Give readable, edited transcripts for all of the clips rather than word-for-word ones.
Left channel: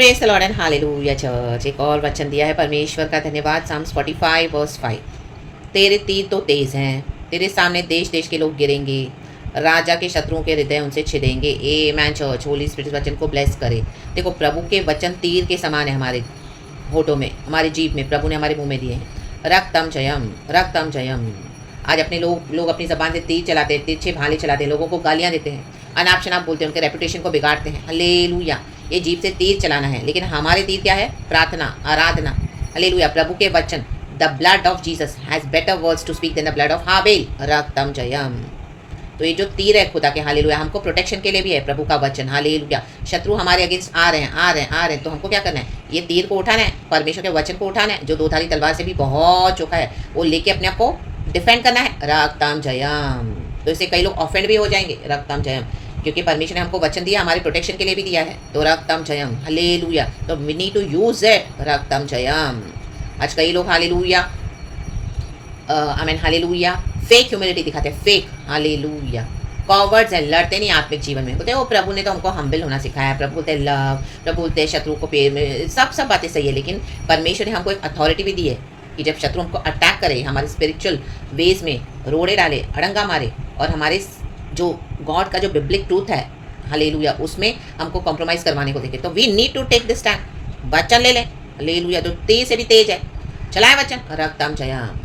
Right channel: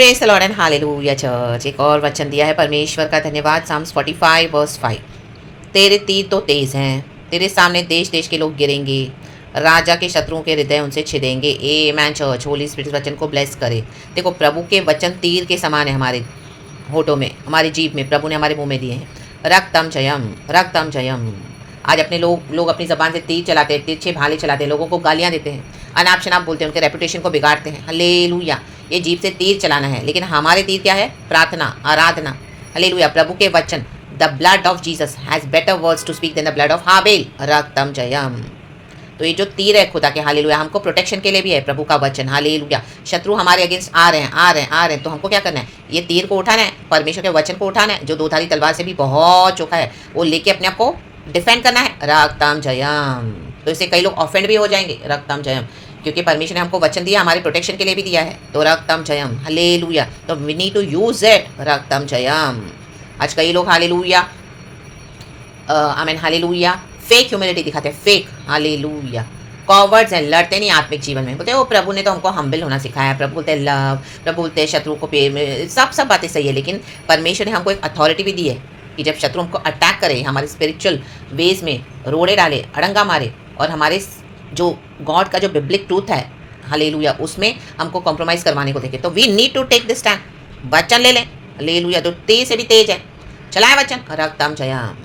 Praise the Lord and hallelujah church. एक और वचन दिया है परमेश्वर का, धन्यवाद। Psalms 45 verse 5। तेरे तीर तो तेज हैं, तेरे सामने देश देश के लोग गिरेंगे, राजा के शत्रुओं के हृदय उनसे छिदेंगे। Amen church, holy spirit वचन को ब्लेस करे। देखो, प्रभु के वचन तीर के समान है हमारे होठों में, हमारी जीभ में, प्रभु ने हमारे मुंह में दिए हैं। रक्तम जयम, रक्तम जयम। आज अपने लोग अपनी ज़बान से तीर चलाते हैं, तिरछे भाले चलाते हैं, लोगों को गालियाँ देते हैं, अनाप शनाप बोलते हैं, उनके रेपुटेशन को बिगाड़ते हैं। हालेलुया। ये जीभ से तीर चलाना है, लेकिन हमारे तीर क्या है? प्रार्थना, आराधना। हालेलुया। प्रभु के वचन, the blood of Jesus has better words to speak than the blood of हाबेल। रक्तम जयम। तो ये जो तीर है खुदा के, हालेलुया, हमको प्रोटेक्शन के लिए भी है प्रभु का वचन। हालेलुया। शत्रु हमारे अगेंस्ट आ रहे हैं, तो हमको क्या करना है? ये तीर को उठाना है, परमेश्वर के वचन को उठाना है, जो दो धारी तलवार से भी बहुत चोखा है, वो लेके अपने आप को डिफेंड करना है। रक्तम जयम। तो इससे कई लोग ऑफेंड भी हो जाएंगे। रक्तम जयम, क्योंकि परमेश्वर ने हमको वचन दिया, हमारे प्रोटेक्शन के लिए भी दिया है। तो रक्तम जयम, हालेलुया। तो we need to use it. रक्तम जयम। आज कई लोग हालेलुया, आमीन, हालेलुया, फेक ह्यूमिलिटी दिखाते हैं, फेक। हालेलुया। कॉवर्ड्स हैं, लड़ते नहीं आत्मिक जीवन में। बोलते हैं वो प्रभु ने तो हमको हम्बल होना सिखाया है। प्रभु बोलते हैं लव, प्रभु बोलते हैं शत्रु को पेड़ में, सब बातें सही है, लेकिन परमेश्वर ने हमको एक अथॉरिटी भी दी है कि जब शत्रु हमको अटैक करे, हमारे स्पिरिचुअल वेज में रोड़े डाले, अड़ंगा मारे, और हमारे जो गॉड का जो बिब्लिक ट्रूथ है, हालेलुया, उसमें हमको कॉम्प्रोमाइज़ करवाने को देखे, तो we need to take this stand. वचन ले लें। हालेलुया। तो तेज से भी तेज है, चलाए वचन। रक्तम जयम,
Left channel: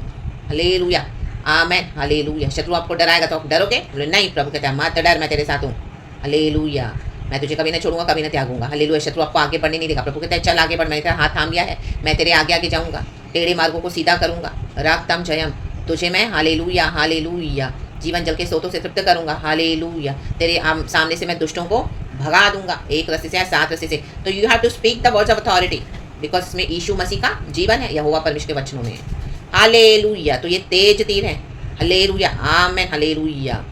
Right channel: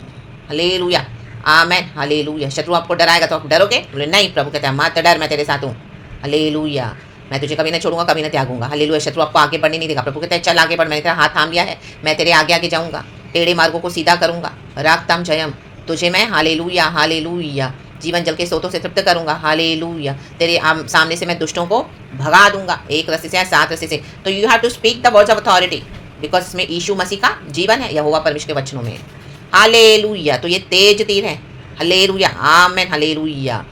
हालेलुया, आमेन, हालेलुया। शत्रु आपको डराएगा तो आप डरोगे? बोले नहीं, प्रभु कहते हैं मत डर, मैं तेरे साथ हूँ। हालेलुया। मैं तुझे कभी नहीं छोड़ूंगा, कभी नहीं त्यागूंगा। हालेलुया। शत्रु आपको आगे बढ़ने नहीं देगा। प्रभु कहते हैं चल आगे बढ़, मैंने तेरा हाथ थाम लिया है, मैं तेरे आगे आगे जाऊँगा, टेढ़े मार्गों को सीधा करूँगा। रक्तम जयम। तुझे मैं, हालेलुया, हालेलुया, जीवन जल के सोतों से तृप्त करूँगा। हालेलुया। तेरे सामने से मैं दुष्टों को भगा दूंगा, एक रस्ते से या 7 रस्ते से। तो you have to speak the words of authority, because इसमें यीशु मसीह का जीवन है, यहोवा परमेश्वर के वचनों में। हालेलुया। तो ये तेज तीर है। हालेलुया, आमेन, हालेलुया।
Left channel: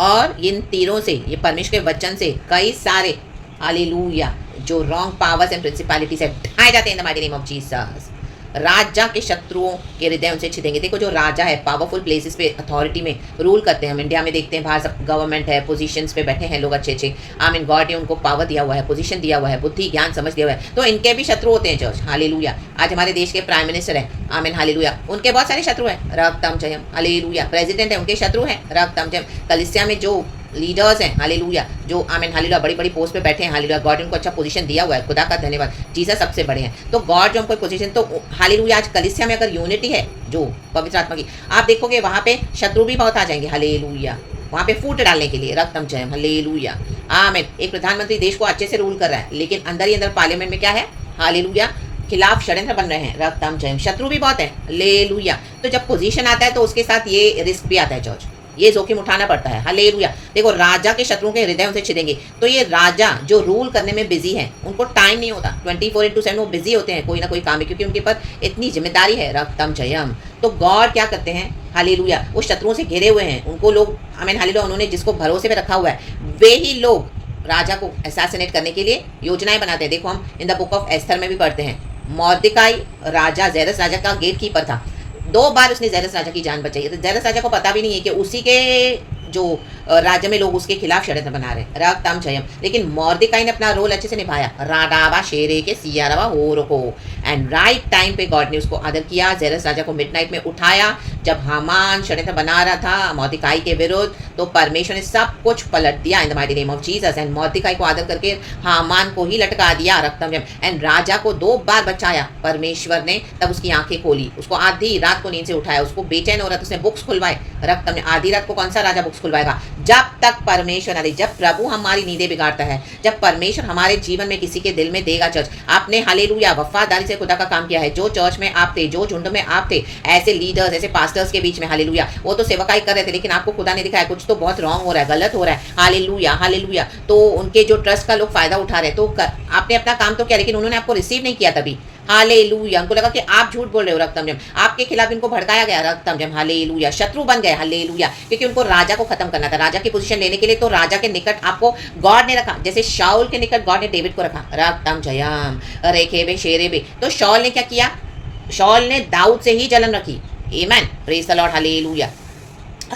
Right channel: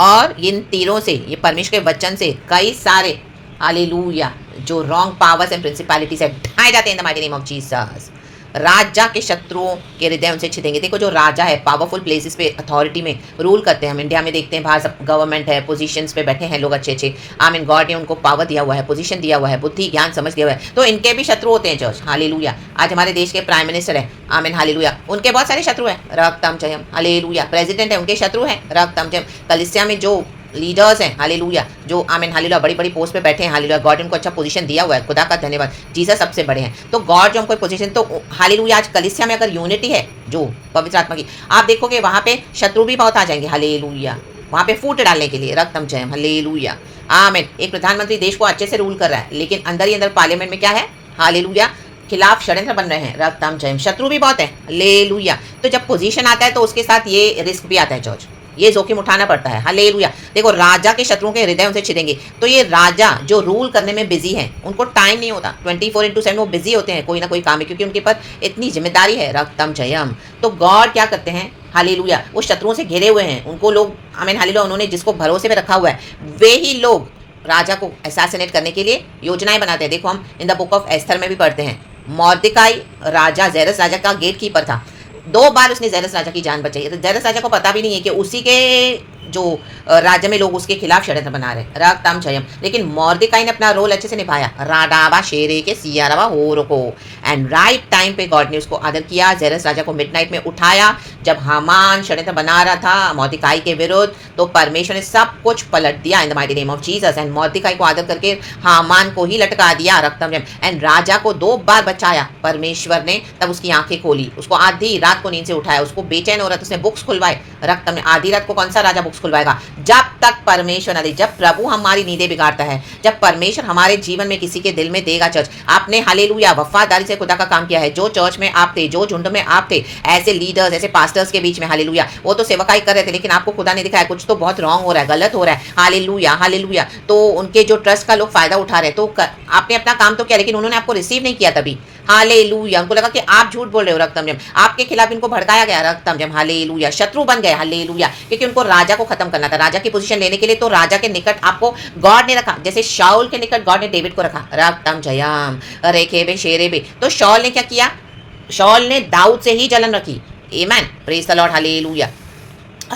और इन तीरों से, ये परमेश्वर के वचन से कई सारे, हालेलुया, जो रॉन्ग पावर्स एंड प्रिंसिपैलिटीज है, ढाए जाते हैं in the mighty name of Jesus. राजा के शत्रुओं के हृदय उनसे छिदेंगे। देखो, जो राजा है, पावरफुल प्लेसेस पे अथॉरिटी में रूल करते हैं। हम इंडिया में देखते हैं, बाहर सब गवर्नमेंट है, पोजीशंस पे बैठे हैं लोग अच्छे अच्छे, आमीन, गॉड ने उनको पावर दिया हुआ है, पोजीशन दिया हुआ है, बुद्धि ज्ञान समझ दिया हुआ है, तो इनके भी शत्रु होते हैं चर्च। हालेलुया। आज हमारे देश के प्राइम मिनिस्टर है, आमीन, हालेलुया, उनके बहुत सारे शत्रु हैं। रक्तम जयम, हालेलुया। प्रेसिडेंट है, उनके शत्रु हैं। रक्तम जयम। कलीसिया में जो लीडर्स हैं, हालेलुया, जो आमीन, हालेलुया, बड़ी बड़ी पोस्ट पे बैठे हैं, हालेलुया, गॉड उनको अच्छा पोजीशन दिया हुआ है, खुदा का धन्यवाद। जीसस सबसे बड़े हैं, तो गॉड जो हमको पोजीशन, तो हालेलुया, आज कलीसिया में अगर यूनिटी है जो पवित्र आत्मा की, आप देखोगे वहाँ पे शत्रु भी बहुत आ जाएंगे। हालेलुया। वहाँ पे फूट डालने के लिए। रक्तम जयम, हालेलुया, आमीन। एक प्रधानमंत्री देश को अच्छे से रूल कर रहा है, लेकिन अंदर ही अंदर पार्लियामेंट में क्या है? हालेलुया, खिलाफ षड्यंत्र बन रहे हैं। रक्तम जयम। शत्रु भी बहुत है। हालेलुया। तो जब पोजीशन आता है तो उसके साथ ये रिस्क भी आता है चर्च, ये जोखिम उठाना पड़ता है। हालेलुया। देखो, राजा के शत्रुओं के हृदय उनसे छिदेंगे। तो ये राजा जो रूल करने में बिजी है, उनको टाइम नहीं होता, 24/7 वो बिजी होते हैं कोई ना कोई काम में, क्योंकि उनके पर इतनी जिम्मेदारी है। रक्तम जयम। तो गॉड क्या करते हैं? हालेलुया, वो शत्रुओं से घिरे हुए हैं, उनको लोग, आमीन, हालेलुया, उन्होंने जिसको भरोसे में रखा हुआ है, वे ही लोग राजा को असैसिनेट करने के लिए योजनाएं बनाते हैं। देखो, हम in the book of Esther में भी पढ़ते हैं, मोर्देकाई राजा, जेरस राजा का गेट कीपर था, 2 बार उसने जेरस राजा की जान बचाई। तो जेरस राजा को पता भी नहीं है कि उसी के जो राज्य में लोग उसके खिलाफ षड्यंत्र बना रहे हैं। रक्तम जयम। लेकिन मोर्देकाई ने अपना रोल अच्छे से निभाया। राडावा शेरे के सियारावा होर को, एंड राइट टाइम पे गॉड ने उसको आदर किया। जेरस राजा को मिडनाइट में उठाया, जब हामान षड्यंत्र बना रहा था मोर्देकाई के विरुद्ध, तो परमेश्वर ने सब कुछ पलट दिया in the mighty name of Jesus, and Mordecai को आदर करके हामान को ही लटका दिया। रक्तम जयम। एंड राजा को 2 बार बचाया परमेश्वर ने, तब उसकी आंखें खोली, उसको आधी रात को नींद से उठाया, उसको बेचैन हो रहा था, उसने बुक्स खुलवाए। रक्तम ने, आधी रात को कौन सा राजा बुक्स खुलवाएगा? जब तक परमेश्वर नहीं, जब प्रभु हमारी नींदें बिगाड़ता है, जब परमेश्वर हमारे जीवन में किसी के दिल में देगा। चर्च, आपने हालेलुया वफादारी से खुदा का काम किया है। जो चर्च में आप थे, जो झुंड में आप थे, ऐसे लीडर्स, ऐसे पास्टर्स के बीच में, हालेलुया, वो तो सेवकाई कर रहे थे, लेकिन आपको खुदा ने दिखाया कुछ तो बहुत रॉन्ग हो रहा है, गलत हो रहा है। Hallelujah, hallelujah. तो उनके जो ट्रस्ट का लोग फायदा उठा रहे, तो आपने अपना काम तो किया, लेकिन उन्होंने आपको रिसीव नहीं किया तभी। हालेलुया। उनको लगा कि आप झूठ बोल रहे हो। रक्तम जयम। आपके खिलाफ इनको भड़काया गया। रक्तम जयम, हालेलुया। शत्रु बन गए। हालेलुया। क्योंकि उनको राजा को खत्म करना था, राजा की पोजीशन लेने के लिए, तो राजा के निकट आपको गॉड ने रखा, जैसे शाऊल के निकट गॉड ने डेविड को रखा। रक्तम जयम, रेखेबे शेरेबे। तो शाऊल ने क्या किया? शाऊल ने दाऊद से ही जलन रखी। आमीन, प्रेज द लॉर्ड, हालेलुया।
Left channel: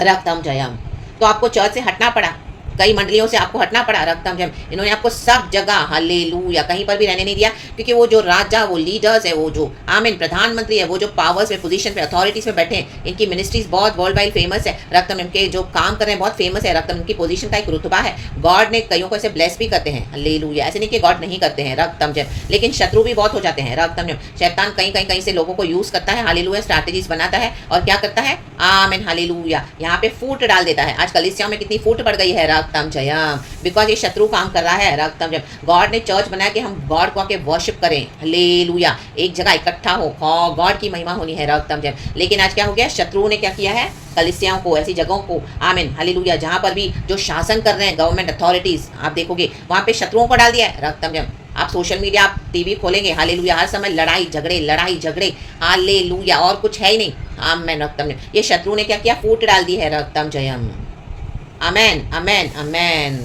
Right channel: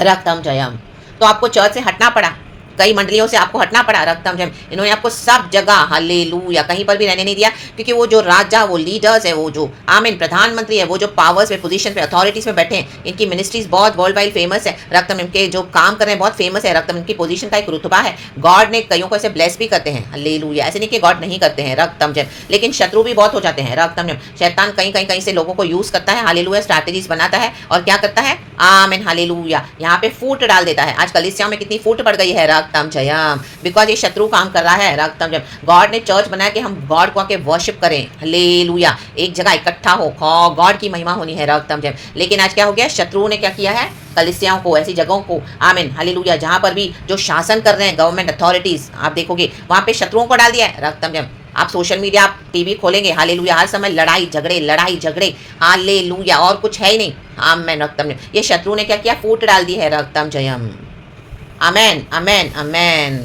रक्तम जयम। तो आपको चर्च से हटना पड़ा, कई मंडलियों से आपको हटना पड़ा रक्तम जम, इन्होंने आपको सब जगह हालेलुया कहीं पर भी रहने नहीं दिया, क्योंकि वो जो राजा, वो लीडर्स है, वो जो आमीन प्रधानमंत्री है, वो जो पावर्स में, पोजीशन पे, अथॉरिटीज में बैठे हैं, इनकी मिनिस्ट्रीज बहुत वर्ल्ड वाइड फेमस है रक्तम, इनके जो काम कर रहे हैं बहुत फेमस है रक्तम, इनकी पोजीशन का एक रुतबा है। गॉड ने कईयों को ऐसे ब्लेस भी करते हैं हालेलुया, ऐसे नहीं कि गॉड नहीं करते हैं रक्तम जम, लेकिन शत्रु भी बहुत हो जाते हैं रक्तम जम। शैतान कहीं से लोगों को यूज करता है हालेलुया, स्ट्रैटेजीज बनाता है और क्या करता है आमीन हालेलुया, यहाँ पे फूट डाल देता है। आज कलीसियाओं में कितनी फूट पड़ गई है रक्तम जयम, बिकॉज ये शत्रु काम कर रहा है रक्तम जयम। गॉड ने चर्च बनाया कि हम गॉड को आके वर्शिप करें हालेलुया, एक जगह इकट्ठा हो, गॉड की महिमा होनी है रक्तम जयम। लेकिन आज क्या हो गया, शत्रुओं ने क्या किया है, कलीसियाओं को, ऐसी जगहों को आमीन हालेलुया, जहाँ पर भी जो शासन कर रहे हैं गवर्नमेंट अथॉरिटीज, आप देखोगे वहाँ पे शत्रुओं को डाल दिया है रक्तम जयम। आप सोशल मीडिया, आप टीवी खोलेंगे हालेलुया, हर समय लड़ाई झगड़े हालेलुया, और कुछ है ही नहीं आमेन रक्तम जयम। ये शत्रु ने क्या किया, फूट डाल दी है रक्तम जयम। आमेन आमेन आमेन।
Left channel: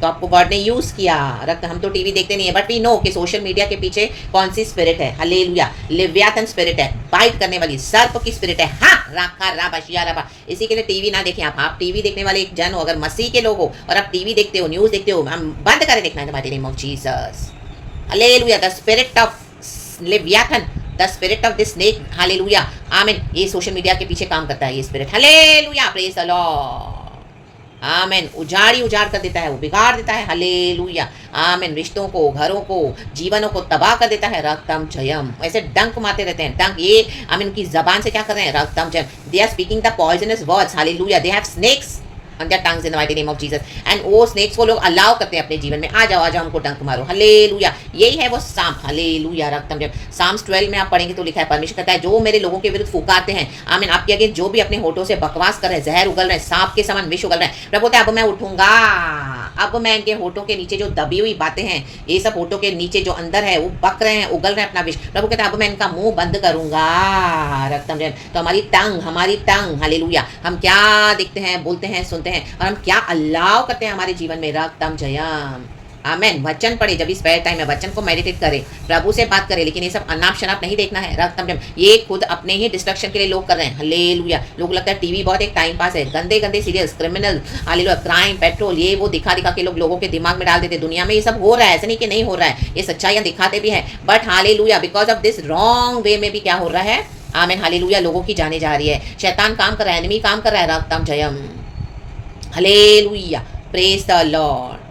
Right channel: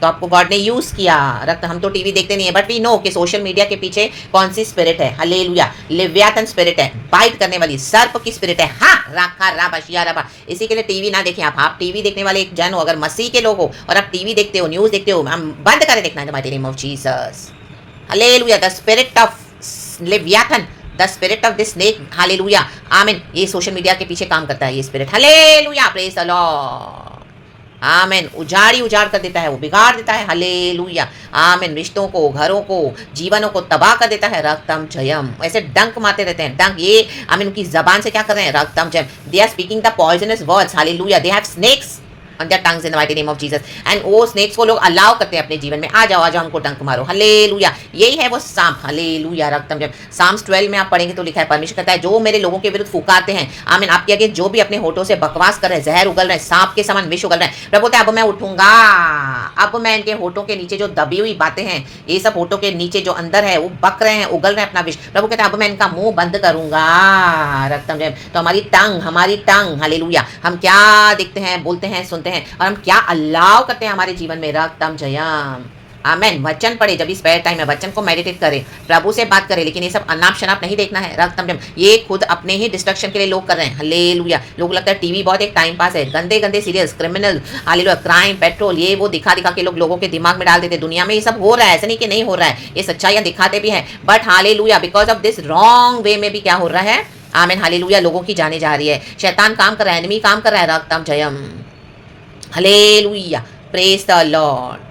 तो आपको गॉड ने यूज किया रक्त, हम तो टीवी देखते नहीं है, बट वी नो कि सोशल मीडिया के पीछे कौन सी स्पिरिट है हालेलुया, लिव्यातन स्पिरिट है, बाइट करने वाली सर्प की स्पिरिट है। हाँ राखा राबा शिया राबा, इसी के लिए टीवी ना देखें आप टीवी देखने वाले एक जन हो, अगर मसीह के लोग हो और आप टीवी देखते हो, न्यूज देखते हो, हम बंद करें देखना in the mighty name of Jesus hallelujah. The spirit of Leviathan, the spirit of this snake hallelujah आमीन, ये सोशल मीडिया के पीछे काम करता है ये spirit hallelujah, praise the Lord आमीन। उजाड़ कर देता है, वो बिगाड़ देता है हालेलुया आमीन, रिश्तों को, घरों को, जीवनों को तबाह कर देता है रक्तम जयम। ऐसे डंक मारते रहते हैं, डंक, ये आमीन उनकी जबान से क्या कर रहे हैं रक्तम जयम, they are speaking the poisonous words hallelujah, they have snakes on their tongues in the mighty name of Jesus, and वो स्नेक्स को लोग अलाउ करते हैं अपने जीवन में, आ जाओ हमको डंक मारो हालेलुया, यही है वो सांप हालेलुया रक्तम जब। साम्स 12 में आप पढ़ेंगे तो लिखा है, परमेश्वर कहता है जो मेरे लोगों के विरुद्ध फुकारते हैं आमीन, आपके आगे जो भी अपने होठों से बकवास कर रहे हैं, जहर उगल रहे हैं, सांप के समान विष उगल रहे हैं, प्रभु बोलता है अब मैं उठूंगा, अब मैं इनके होठों के नीचे जो दबी हुई बातें हैं, ये सब होठों के नीचे जो अंदर है वो बक रहे हैं, उगल रहे हैं अपना विष, प्रभु कहता है अब मैं इनका मुंह बंद करूंगा रक्तम जब। तो हमारी टंग हालेलुया, हम क्या देखते हैं, बोलते हैं, सुनते हैं, और हम क्या अल्लाह करते हैं हमारे जीवन में रक्तम जयम आमेन। वचन पढ़े, जब भी स्पेयर टाइम है वचन को मेडिटेट करें, प्रभु से बात करें, लेकिन ये सब अनाप शनाप नहीं देखना है रक्तम जयम, ये खुद अपने ही डिस्ट्रक्शन के लिए लोग कर रहे हैं हालेलुया। लोग लगता है टीवी बहुत एक टाइम पास है, गंदे serials, criminal hallelujah, crime, patrol, ये वो दिखा के लोगों के दिमाग में डाल देते। दुनिया में ये सब हो रहा है, ऐसा नहीं कि नहीं हो रहा है, ये सच्चाइयाँ दिखाते भी हैं, but hallelujah because of this wrong way में भी क्या हो रहा है आमीन हालेलुया, लोगों की जाने जा रही है, शैतान काम कर रहा है, एनिमी काम कर रहा है रक्तम जयम हालेलुया, प्रेज द लॉर्ड।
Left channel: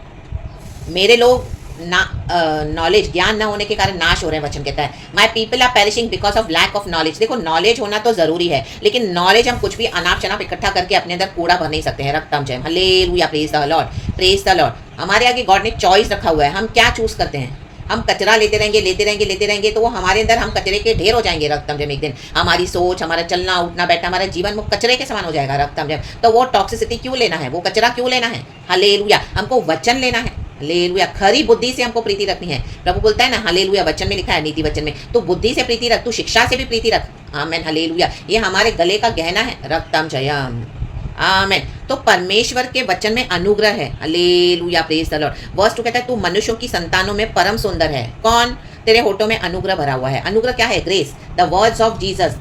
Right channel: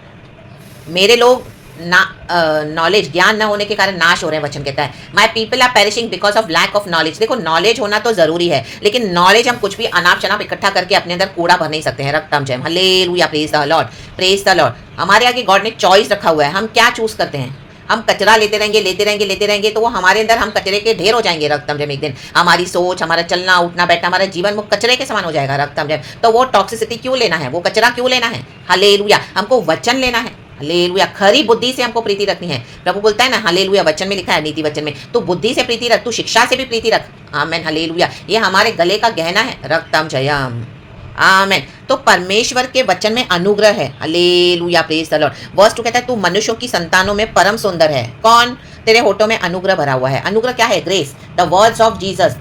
मेरे लोग नॉलेज, ज्ञान न होने के कारण नाश हो रहे हैं, वचन कहता है my people are perishing because of lack of knowledge. देखो नॉलेज होना तो जरूरी है, लेकिन नॉलेज हम कुछ भी अनाप शनाप इकट्ठा करके अपने अंदर कूड़ा भर नहीं सकते हैं रक्तम जयम hallelujah, praise the Lord, praise the Lord. हमारे आगे गॉड ने चॉइस रखा हुआ है, हम क्या चूज करते हैं। हम कचरा लेते रहेंगे तो वो हमारे अंदर, हम कचरे के ढेर हो जाएंगे रक्तम जब। एक दिन हमारी सोच, हमारा चलना उठना बैठना, हमारा जीवन वो कचरे के समान हो जाएगा रक्तम जब। तो वो टॉक्सिसिटी क्यों लेना है, वो कचरा क्यों लेना है हालेलुया, हमको वचन लेना है हालेलुया, खरी बुद्धि से हमको प्रीति रखनी है। प्रभु बोलता है ना हालेलुया, वचन में लिखा है, नीति वचन में, तो बुद्धि से प्रीति रख, तू शिक्षा से भी प्रीति रख आमेन हालेलुया। ये हमारे गले का गहना है रक्तम जयम आमेन। तो परमेश्वर के वचन में अनुग्रह है hallelujah, praise the Lord. Verse 2 कहता है तू मनुष्यों की संतानों में परम सुंदर है। कौन? तेरे होठों में अनुग्रह भरा हुआ है। अनुग्रह क्या है? Grace. The words of Jesus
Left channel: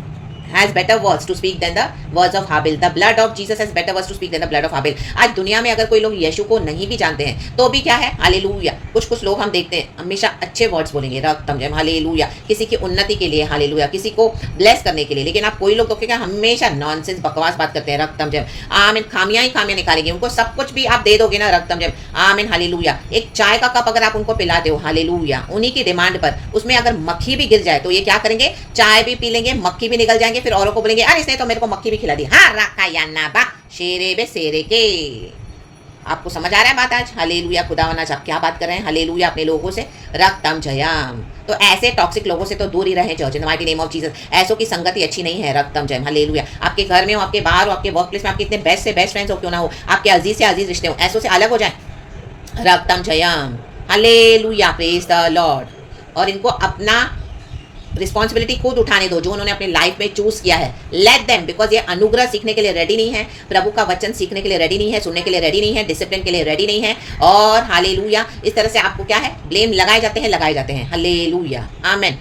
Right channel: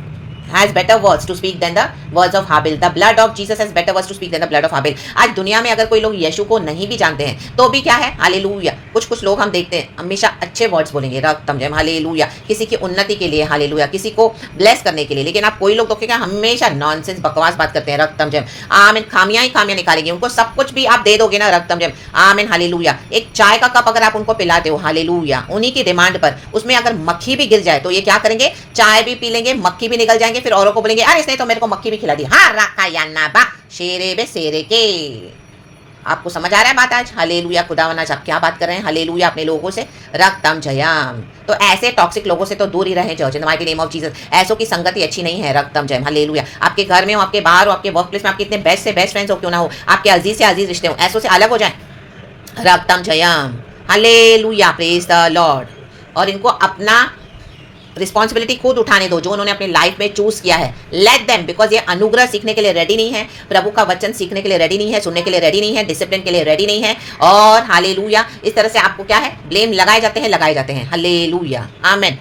has better words to speak than the words of Habil. The blood of Jesus has better words to speak than the blood of Habil. आज दुनिया में अगर कोई लोग यीशु को नहीं भी जानते हैं तो भी क्या है हालेलुया, कुछ लोग हम देखते हैं हमेशा अच्छे वर्ड्स बोलेंगे रक्तम जयम हालेलुया, किसी की उन्नति के लिए हालेलुया, किसी को ब्लेस करने के लिए। लेकिन आप कोई लोग तो क्या हमेशा नॉनसेंस बकवास बात करते हैं रक्तम जयम आमीन, खामियां ही खामियां निकालेंगे। उनको सब कुछ भी आप दे दोगे ना रक्तम जयम आमीन हालेलुया। एक चाय का कप अगर आप उनको पिलाते हो हालेलुया, उन्हीं की डिमांड पर, उसमें अगर मक्खी भी गिर जाए तो ये क्या करेंगे, चाय भी पी लेंगे, मक्खी भी निकल जाएंगे, फिर औरों को बोलेंगे अरे इसने तो मेरे को मक्खी भी खिला दी। हाँ रखा या ना बा शेरे बे शेरे के। आपको समझ आ रहा है बात आज हालेलुया? खुदावंद आज आप क्या बात कर रहे हैं हालेलुया अपने लोगों से रक्तम जयम। तो ऐसे टॉक्सिक लोगों से तो दूर ही रहें church in the mighty name of Jesus. ऐसों की संगति अच्छी नहीं है रक्तम जयम हालेलुया। आपके घर में हो, आपके बाहर हो, आपके वर्क प्लेस में आपके इतने बेस्ट से बेस्ट फ्रेंड्स हो क्यों ना हो, आपके अजीज से अजीज रिश्ते हो, ऐसों से अलग हो जाए रक्तम जयम हालेलुया, प्रेज द लॉर्ड। और इनको अपना रिस्पॉन्सिबिलिटी खुद उठाने दो जो उन्होंने अपनी लाइफ में चूज किया है। लेट देम, बिकॉज ये अनुग्रह सीखने के लिए रेडी नहीं है, प्रभु का वचन सीखने के लिए रेडी नहीं है, सुनने के लिए रेडी नहीं है, डिसिप्लिन के लिए रेडी नहीं है। और हालेलुया इस तरह से आपको क्या है, ब्लेम लगाए जाते हैं हालेलुया आमेन।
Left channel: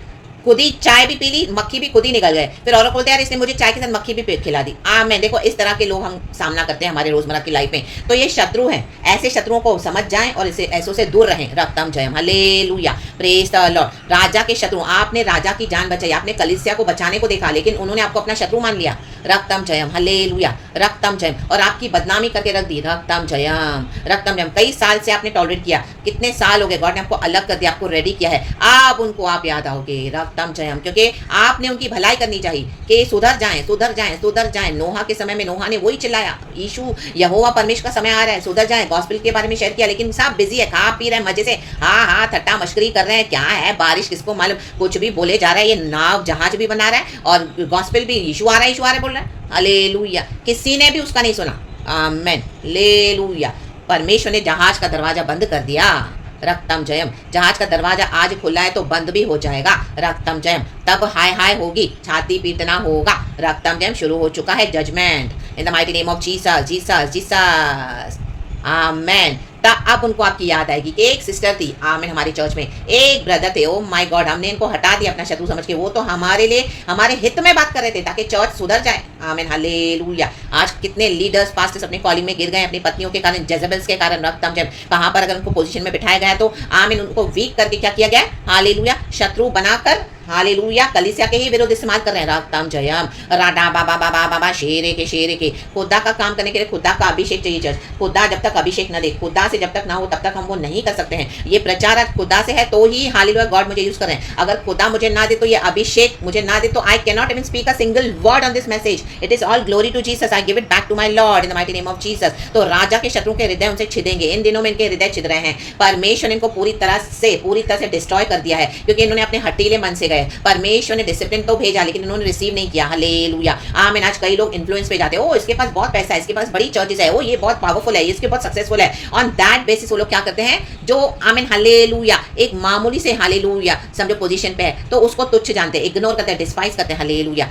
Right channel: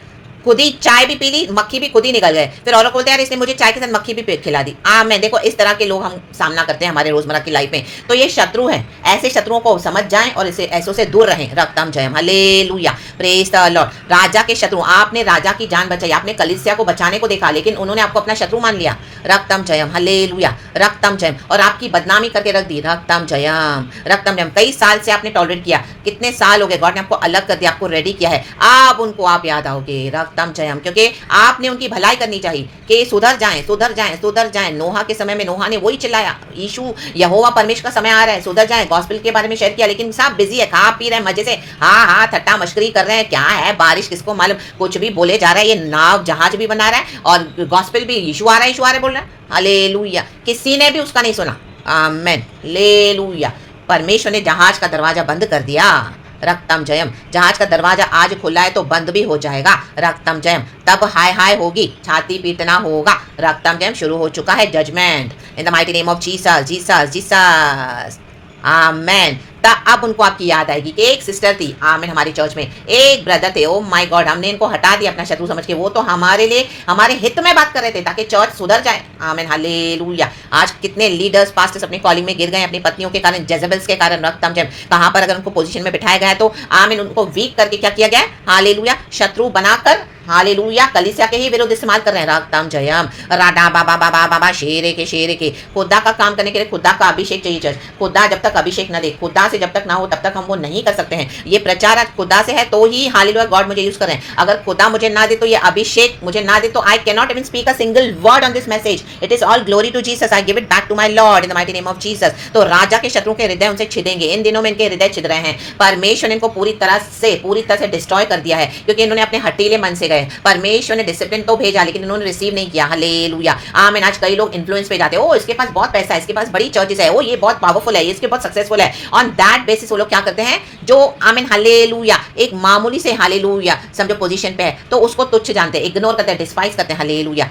खुद ही चाय भी पी ली, मक्खी भी खुद ही निकल गए। फिर औरों को बोलते हैं यार इसने मुझे चाय के साथ मक्खी भी खिला दी। मैं देखो इस तरह के लोग हम सामना करते हैं हमारे रोजमर्रा की लाइफ में। तो ये शत्रु हैं, ऐसे शत्रुओं को समझ जाएं और इसे ऐसों से दूर रहें। रक्तम जयम, हालेलुया, प्रेज द लॉर्ड। राजा के शत्रु, आपने राजा की जान बचाई, आपने कलीसिया को बचाने को देखा, लेकिन उन्होंने आपको अपना शत्रु मान लिया। रक्तम जयम, हालेलुया, रक्तम जयम, और आपकी बदनामी करके रख दी। रक्तम जयम, रक्तम जयम। कई साल से आपने टॉलरेट किया, कितने साल हो गए, गॉड ने आपको अलग कर दिया, आपको रेडी किया है, अब उनको आप याद आओगे। रक्तम जयम, क्योंकि आपने उनकी भलाई करनी चाहिए कि सुधर जाएं, सुधर जाएं, सुधर जाएं। नोहा के समय में नोहा ने वही चिल्लाया, यीशु यहोवा परमेश्वर का समय आ रहा है, सुधर जाएं। गॉस्पेल के बारे में शेयर किया, लेकिन सब बिजी है, खा पी रहे हैं मजे से, हाँ ठट्टा मश्करी कर रहे हैं, क्या है बारिश किसको मालूम, कुछ भी बोले जा रहा है, ये नाव जहाज भी बना रहा है और गॉस्पेल भी यीशु आ रहा है बोल रहा है। हालेलुया, किसी ने भी उसका नहीं सुना। आमेन, हालेलुया। परमेश्वर ने जहाज का दरवाजा बंद कर दिया। रक्तम जयम, जहाज का दरवाजा आज खुला है तो बंद भी हो जाएगा। रक्तम जयम, तब हाय हाय होगी, छाती पीटना होगा। रक्तम जयम, शुरू हो चुका है judgement in the mighty name of Jesus, Jesus, Jesus. Amen. अब उनको आपकी याद आएगी कि एक सिस्टर थी, आमेन, हमारी चर्च में एक ब्रदर थे, ओ माय गॉड, हमने इनको हटा दिया अपना शत्रु समझ के, वो तो हमारे लिए हमारे हित में बात कर रहे थे ताकि चर्च सुधर जाए। आमेन, हालेलुया। आज कितने लीडर्स पास्टर्स अपनी कॉलिंग में गिर गए अपनी पत्नियों के कारण, जेजेबल्स के कारण। रक्तम जयम, कहां पर अगर उनको पोजीशन में बिठाया गया तो आमेन, उनको वीक करके क्या किया गया है, हालेलुया, शत्रु बनाकर, हालेलुया, कलीसिया के ही विरोध इस्तेमाल कर रहे हैं। रक्तम जयम, राडा बाबा बाबा बाबा, शेरे के खुदा का काम करने के लिए खुदा का अभिषेक चाहिए चर्च। खुदा जब तक अभिषेक न दे, खुदा से जब तक ना हो तब तक हम वो नहीं कर सकते हैं। ये प्रचार आज खुदा से है तो ही हालेलुया गॉड मुझे यूज कर रहे हैं। अगर खुदा मुझे ना दे तो, ये अभिषेक मुझे ना दे तो, I can not even speak a single word on this message. It is all glory to Jesus, I give it back to my Lord in the mighty name of Jesus. तो राजा के शत्रुओं के हृदय उनसे छिदेंगे, इन दिनों में इनके हृदय छिद रहे हैं। परमेश्वर ने इनको पूरी तरह से डिस्ट्रॉय कर दिया है, क्योंकि इन्होंने अपने हटीले मन से गए। परमेश्वर ने डिसिप्लिन तो भेजा लेकिन इन्होंने रिसीव नहीं किया। हालेलुया, आमीन। आज कई लोग इन्फ्लुएंस पे जाते हैं, ओ इसके पास बहुत पैसा है, इसके पास बड़ी चर्चेस है, ओ ये बहुत पावरफुल है, इसके बहुत सक्सेसफुल है। ऑन दैट बेसिस वो लोग क्या करते हैं, जो आमीन, हालेलुया, एक मामूली से हालेलुया समझो पोजीशन पे है तो उसको तुच्छ जानते हैं, इग्नोर करते हैं, डिस्पाइज करते हैं। हालेलुया।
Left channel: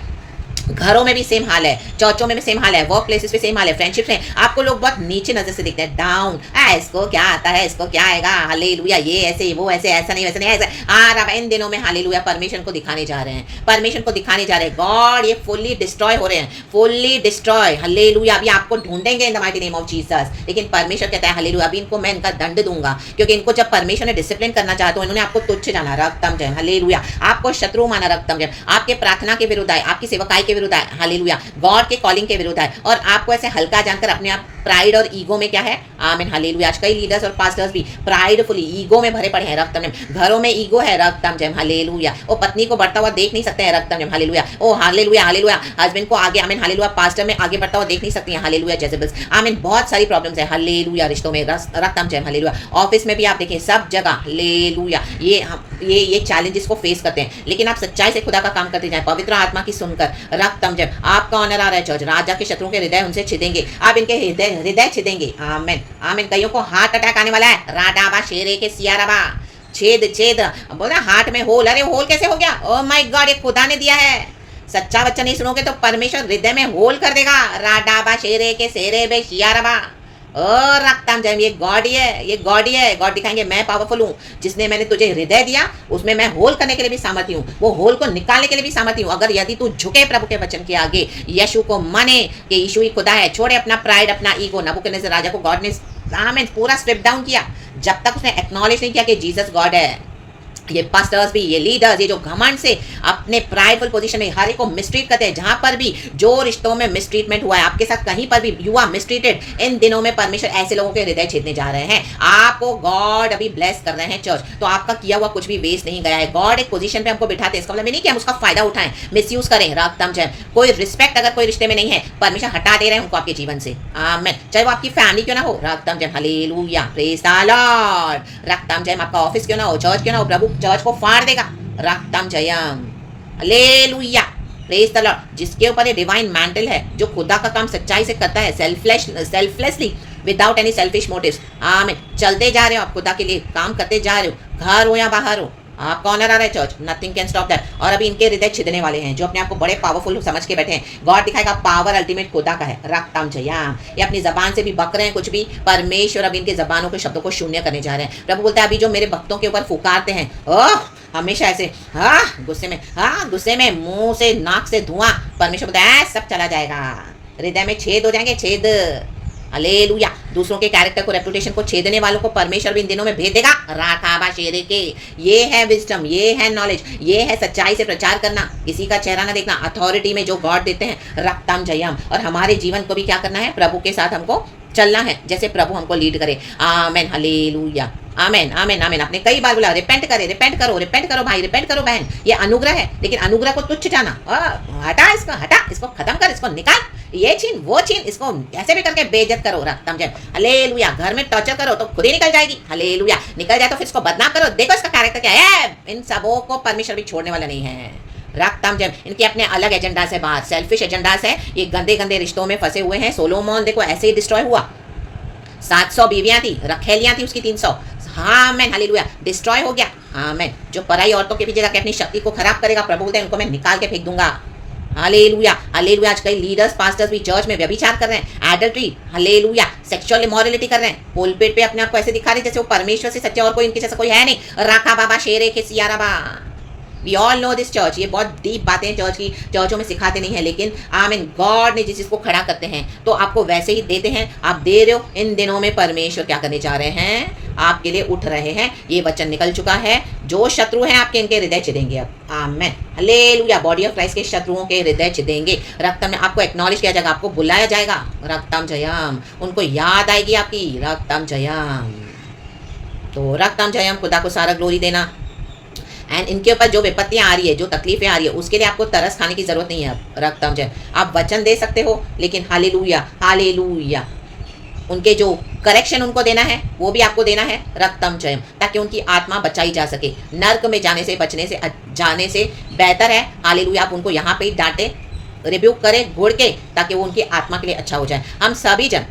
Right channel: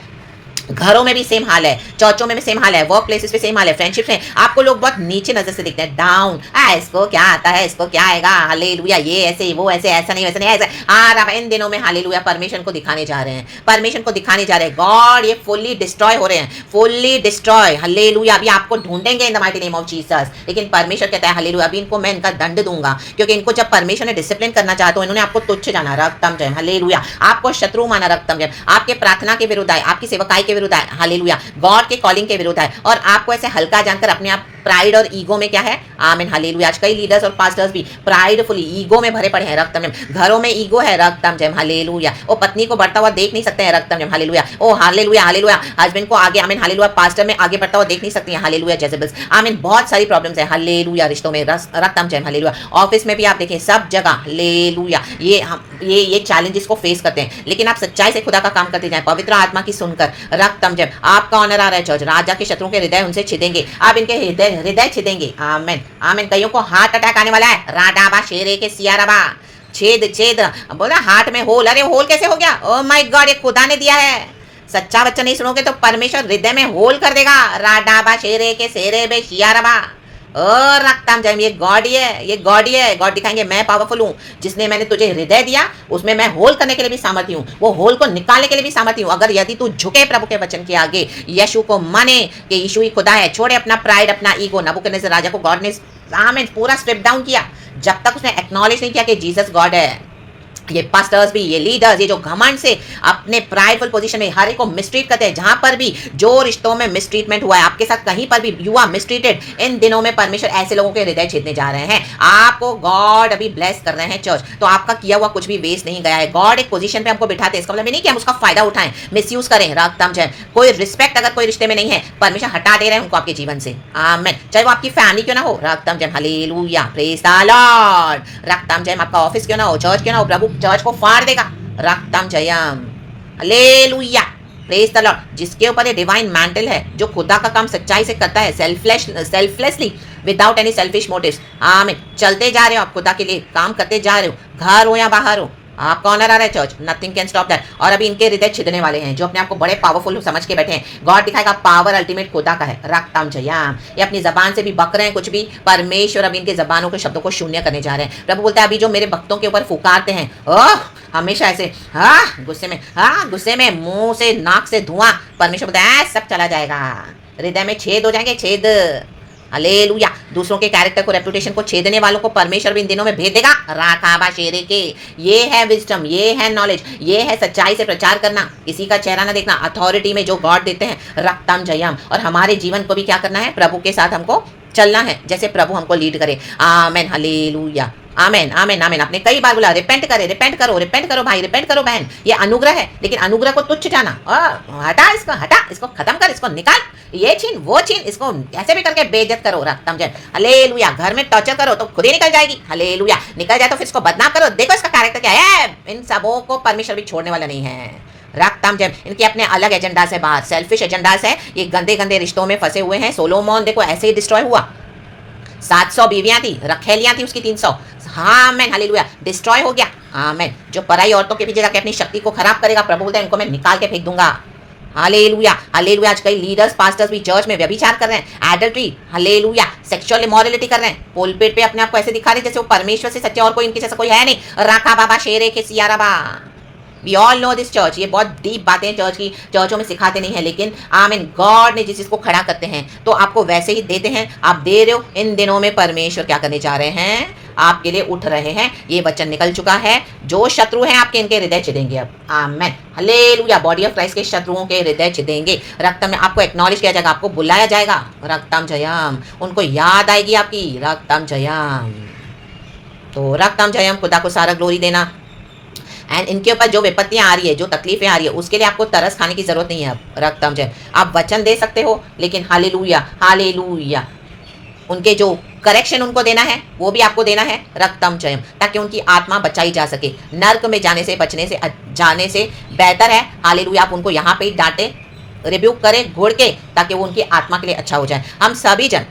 घरों में भी सेम हाल है, चर्चों में भी सेम हाल है, वर्क प्लेसेस पे सेम हाल है, फ्रेंडशिप्स में आपको लोग बहुत नीचे नजर से दिखते हैं, डाउन। इसको क्या आता है, इसको क्या आएगा, हालेलुया, ये ऐसे वो ऐसे, ऐसा नहीं वैसा नहीं ऐसा। अब इन दिनों में हालेलुया परमेश्वर को दिखाने जा रहे हैं, परमेश्वर को दिखाने जा रहे हैं। गॉड ये फुल्ली डिस्ट्रॉय हो रहे हैं, फुल्ली डिस्ट्रॉय। हालेलुया। अभी आपको ढूंढेंगे इन the mighty name of Jesus, लेकिन परमेश्वर कहता है हालेलुया, अभी इनको मैं इनका दंड दूंगा, क्योंकि इनको जब परमेश्वर ने डिसिप्लिन करना चाहा तो इन्होंने आपको तुच्छ जाना। रक्तम जयम, हालेलुया। आपको शत्रु माना। रक्तम जयम, आपके प्रार्थना के विरुद्ध आए, आपकी सेवकाई के विरुद्ध आए, हालेलुया, गॉड के कॉलिंग के विरुद्ध है, और आपको ऐसे हल्का जानकर अपने आप प्राइड और ईगो में क्या है, आमीन, हालेलुया। आज कई लीडर्स और पास्टर्स भी प्राइडफुली ईगो में भरे पड़े हैं। रक्तम जयम, घरों में ईगो है। रक्तम जयम, हालेलुया। वो पत्नी को बढ़ता हुआ देख नहीं सकते हैं। रक्तम जयम, हालेलुया। ओ हालेलुया, हालेलुया। हस्बैंड को आगे, आमीन, हालेलुया, पास्टर में आगे बढ़ता हुआ देख नहीं सकती हैं। हालेलुया, जेजेबल्स, आमीन। बहुत सारी प्रॉब्लम्स है, हालेलुया, रिश्तों में। रक्तम जयम, हालेलुया। ऑफिस में भी आप देखें, सब जगह, हालेलुया, ये चैलेंजेस को फेस करते हैं, लेकिन आप सच्चाई से खुदा का काम करते जाएं, पवित्र आत्मा की सुनकर। रक्तम जयम, आपका ऑनर आ रहा है चर्च। राजा के शत्रुओं के हृदय उनसे छिदेंगे, आप इनके हृदय छिदेंगे। आमीन, आमीन। कईयों को हार्ट अटैक आने वाला है। राडाबा शेरे के सियाराबा, छेद बोला हार्ट में होल। अरे होल कैसे हो गया, ओ माय गॉड, ये खुदा ने दिया है। सच्चा बच्चा नहीं सुनोगे तो परमेश्वर हृदय में होल कर देगा। राडाबा शेरे के सेरे बे सियाराबा, और रक्तम जयम, ये गॉड ही है, ये गॉड ही है। गॉड दिखाएंगे मैं पावरफुल हूँ, जिसने मैंने तुझे हृदय दिया उसमें मैं होल करने के लिए भी सामर्थ्य हूँ, वो होल को निकालने के लिए भी सामर्थ्य हूँ। अगर यदि तू झुके प्रभु के वचन के आगे, यीशु को माने कि यीशु ही खुदा है, छोड़े अपना प्राइड, अपना ईगो। नबूकदनेस्सर राजा को गॉड ने आमीन पूरा स्ट्रिप डाउन किया, जब तक उसने एक्नॉलेज नहीं किया कि जीसस गॉड है। ये पास्टर्स भी, ये लीडर्स, ये जो घमंड से अपने प्राइडफुल पोजीशन में हर एक को मिसट्रीट करते हैं, जहां पर भी जो रिश्तों में मिसट्रीटमेंट हुआ है, आपके साथ कहीं पर भी यू आर मिसट्रीटेड, इन दिनों में परमेश्वर ऐसे लोगों के हृदय छेदने जा रहे हैं। आपको गॉड अभी ब्लेस कर रहे हैं चर्च, तो आपका किया हुआ कुछ भी वेस्ट नहीं गया है। गॉड एक पोजीशन पे हमको बिठाते हैं, इसका मतलब नहीं कि हम उसका फायदा उठाएं, मिसयूज करें। रक्तम जयम, कोई रिस्पेक्ट अगर कोई रिश्ते में नहीं है, परमेश्वर हटा दे रहे हैं उनको आपके जीवन से। आमीन। चाहे वो आपकी फैमिली क्यों ना हो। रक्तम जयम, hallelujah, praise the Lord. रक्तम Jayam, आपका ऑफिस क्यों ना हो, चर्च क्यों ना हो, प्रभु चर्च को फाड़ देगा। रक्तम जयम, हालेलुया, प्रेज द लॉर्ड। जिसके ऊपर ये डिवाइन मैंटल है, जो खुदा का काम सच्चाई से करता है, selflessly, without any selfish motives. आमीन। चलते जा रहे हो आप खुदा के लिए, काम करते जा रहे हो, घर हो या बाहर हो, आपका ऑनर आ रहा है church, nothing can stop that. और अभी इनके हृदय छिदने वाले हैं, जो अपने आप को बड़े पावरफुल समझ के बैठे हैं। गॉड दिखाएगा पावर अल्टीमेट खुदा का है। रक्तम जयम, ये अपनी जबान से भी बक रहे हैं कुछ भी, परमेश्वर अभी इनके जबानों के शब्दों को शून्य करने जा रहे हैं। प्रभु बोलता है अभी जो मेरे भक्तों के ऊपर फुकारते हैं, ओह हमेशा ऐसे गुस्से में मुंह से नाक से धुआं। परमेश्वर बोलता है सब चला जाएगा, हृदय में छेद हो जाएंगे, छेद। हालेलुया। दूसरों के कैरेक्टर को, रेपुटेशन को छेदने वालों को परमेश्वर भी इन दिनों में भेज देगा। राखाबा शेरे के। ये है विजडम, ये है नॉलेज, ये है सच्चाई से प्रचार करना, किसी का चेहरा ना देखना, अथॉरिटी में जो गॉड देते हैं, रक्तम जयम। और हमारे जीवन को भी क्या करना है, प्रभु के साथ हमको चलना है, जैसे प्रभु हमको लीड करे। आमेन, हालेलुया, आमेन, आमेन, आमेन। आपने कई बार बोला रिपेंट करो भाई, रिपेंट करो बहन। ये अनुग्रह है, लेकिन अनुग्रह को तुच्छ जाना, हटा इसको खत्म कर, इसको निकाल, ये छीन वो छीन, इसको ऐसे भी करके बेइज्जत करो। रक्तम जय, हालेलुया। घर में टॉर्चर करो तो खुद ही निकल जाएगी, हालेलुया। निकल जाए तो फिर इसको बदनाम करो, देखो इसका कैरेक्टर क्या है। इन सबों को परमेश्वर भी छोड़ने वाला नहीं है। रक्तम जय, इनके अपने अलग एजेंडास है, बाहर सेल्फिश एजेंडास है। ये गंदे गंदे रिश्तों में फंसे हुए हैं। सोलोमोन देखो ऐसे ही डिस्ट्रॉय हुआ। 700 बीवियां थी, रखेलियां थी उसकी 300। हाँ मैन, हालेलुया, डिस्ट्रॉय हो गया। हाँ मैन, जो पराई औरतों के पीछे जाके अपनी शक्ति को खराब करेगा, प्रभु बोलते हैं इनको मैं निकाल के फेंक दूंगा। Hallelujah, hallelujah. आज कई लीडर्स पास्टर्स भी चर्च में व्यभिचार कर रहे हैं, एडल्ट्री, हालेलुया, सेक्सुअल इमोरलिटी कर रहे हैं। पोलपेट पे अपने आप को ऐसे दिखा रहे जैसे वो परमेश्वर से सच्चे और कोई इनके जैसा कोई है नहीं। राखा बाबा शेरे के सियारा बा। We all know this church. ये बहुत डीप बातें चर्च की, चर्चों में सिखाते नहीं है, लेकिन आमीन, गॉड ने जिस चीज को खड़ा करते हैं तो आपको वैसे ही देते हैं। आप दे रहे हो। इन दिनों में परमेश्वर क्या करने जा रहे हैं, आपके लिए उठ रहे हैं। ये वचन निकल चुका है। जो शत्रु हैं आपके, इनके हृदय चिदेंगे अब। आमेन, हालेलुया। बॉडी ऑफ क्राइस्ट के शत्रुओं के हृदय चिदेंगे। रक्तम में आपको एक्नॉलेज किया जाएगा, आपको बुलाया जाएगा। रक्तम जयम, उनको याद आएगी आपकी। रक्तम जयम। तो रक्तम जयम, खुदा को सारा ग्लोरी देना। एंड इनके ऊपर जो विपत्तियां आ रही है, जो तकलीफें आ रही है, उसके लिए आपको तरस खाने की जरूरत नहीं है अब। रक्तम जय, आप वचन दे सकते हो, लेकिन हालेलुया, हालेलुया, उनके जो करेक्शन उनको देना है वो भी आपको देना है। रक्तम जयम, ताकि उनकी आत्मा बचाई जा सके। नर्क में जाने से जाने से बेहतर है, हालेलुया, आप उनको यहाँ पे ही डांटे, रिब्यूक करें घोड़ के, ताकि वो उनकी आत्मा के लिए अच्छा हो जाए। हम सभी जन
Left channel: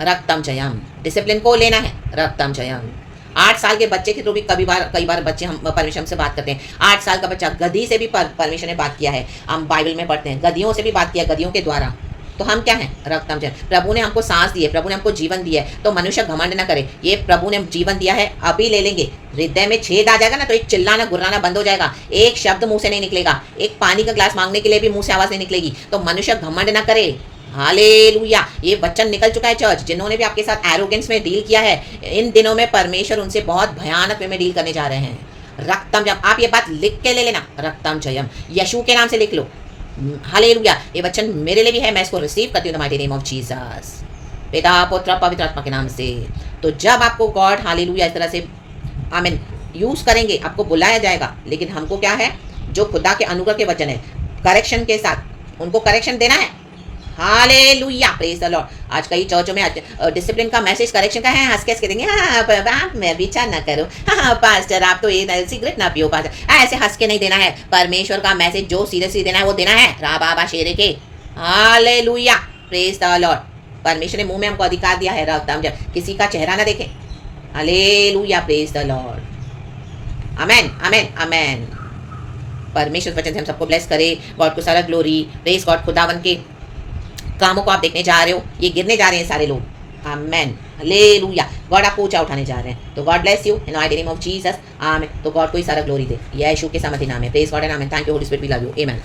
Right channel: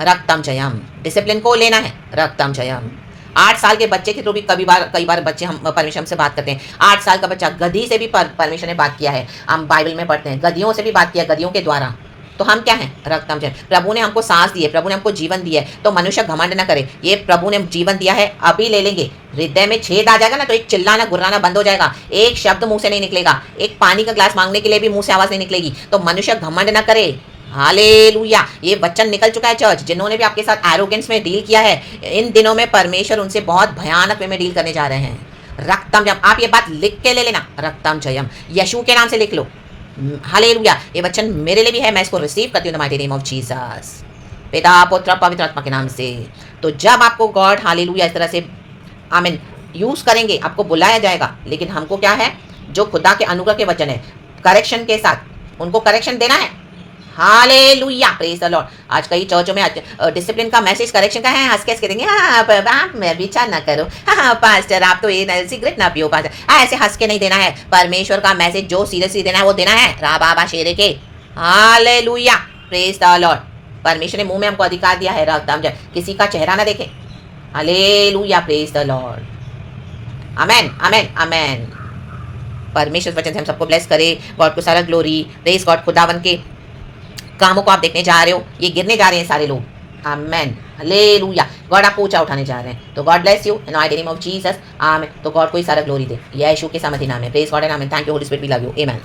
रक्तम जयम, डिसिप्लिन को लेना है। रक्तम जयम। 8 साल के बच्चे के तो भी कई बार बच्चे हम परमेश्वर से बात करते हैं। 8 साल का बच्चा, गधी से भी परमेश्वर ने बात किया है। हम बाइबल में पढ़ते हैं, गधियों से भी बात किया, गधियों के द्वारा। तो हम क्या हैं, रक्तम जय। प्रभु ने हमको सांस दी है, प्रभु ने हमको जीवन दिया है, तो मनुष्य घमंड न करे। ये प्रभु ने जीवन दिया है, अभी ले लेंगे। हृदय में छेद आ जाएगा ना, तो एक चिल्लाना गुर्राना बंद हो जाएगा, एक शब्द मुंह से नहीं निकलेगा, एक पानी का ग्लास मांगने के लिए भी मुंह से आवाज नहीं निकलेगी। तो मनुष्य घमंड न करे। हालेलुया। ये वचन निकल चुका है चर्च। जिन्होंने भी आपके साथ एरोगेंस में डील किया है, इन दिनों में परमेश्वर उनसे बहुत भयानक वे में डील करने जा रहे हैं। रक्तम जयम, आप ये बात लिख के ले लेना। रक्तम जयम, यीशु के नाम से लिख लो। हालेलुया। ये वचन मेरे लिए भी है, मैं इसको रिसीव करती हूँ the mighty name of Jesus, पिता पुत्र पवित्र आत्मा के नाम से। तो जब आपको गॉड हालेलुया इस तरह से आमीन यूज करेंगे, आपको बुलाया जाएगा। लेकिन हमको क्या है, जो खुदा के अनुग्रह के वचन है, करेक्शन के साथ उनको करेक्शन देना है। Hallelujah, praise the Lord. आज कई चर्चों में डिसिप्लिन का मैसेज करेक्शन का है, हंस के कहते हैं आप मैं विचार ना करो, हाँ पास्टर आप तो ये सिगरेट ना पियो पास्टर, ऐसे हंस के नहीं देना है। परमेश्वर का मैसेज जो सीरियसली देना है वो देना है। रा बाबा शेरे के। Hallelujah, praise the Lord. परमेश्वर ने मुंह में हमको अधिकार दिया है, रक्तम जय, किसी का चेहरा ना देखे। Hallelujah, praise the Lord. Amen, amen, amen. परमेश्वर वचन से हम सबको ब्लेस करे। गॉड को सारा ग्लोरी। Praise God. खुदावन के कामों को आप देखने जा रहे हो, ये गिरने जा रहे हैं सारे लोग। आमेन, हालेलुया। गॉड आपको ऊंचा उठाने जा रहे हैं। तो God bless you in the name of Jesus. Amen. तो गॉड को ही सारा ग्लोरी दे। यीशु के सामर्थ्य नाम है। Praise God and amen. Thank you Holy Spirit, we love you. Amen.